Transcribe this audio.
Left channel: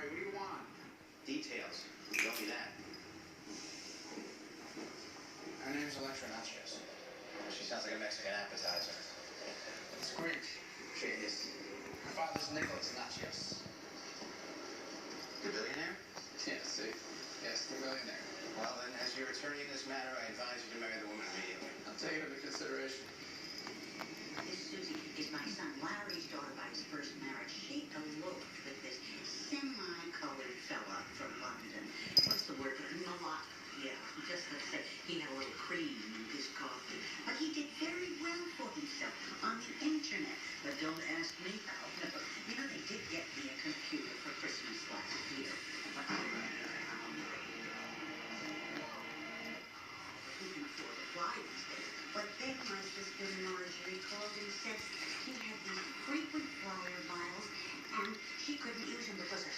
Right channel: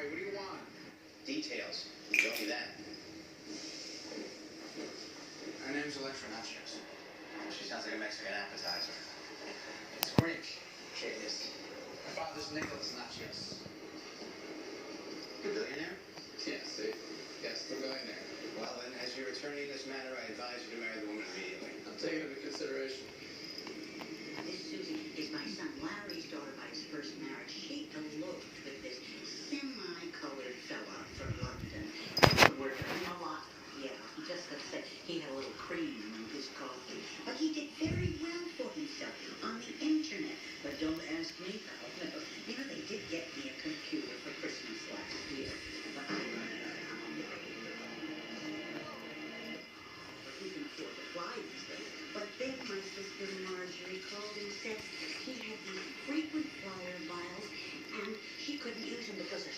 Sorry, what do you want? Details. Tell me that. Her name's Electra Nachos. She sounds like a Mexican appetizer. It's Greek. Cheers. My father's Nicholas Nachos. You're a billionaire? Yes, see? Yes, the billionaire. Well, then, as your attorney in this matter, I advise you to marry the woman immediately. I'm taking it into consideration. This Susie is my son Larry's daughter by his first marriage. She eloped with this semi-colored fella from London. He worked in a lot. Yeah, just to say, he had a little cream in his coffee. But he did very well for himself on the internet. But don't ask me how. You know, they did get me a computer for Christmas last year. But he can afford to fly these days. But then my sister Marjorie called and said he had these frequent flyer miles and she couldn't use them because her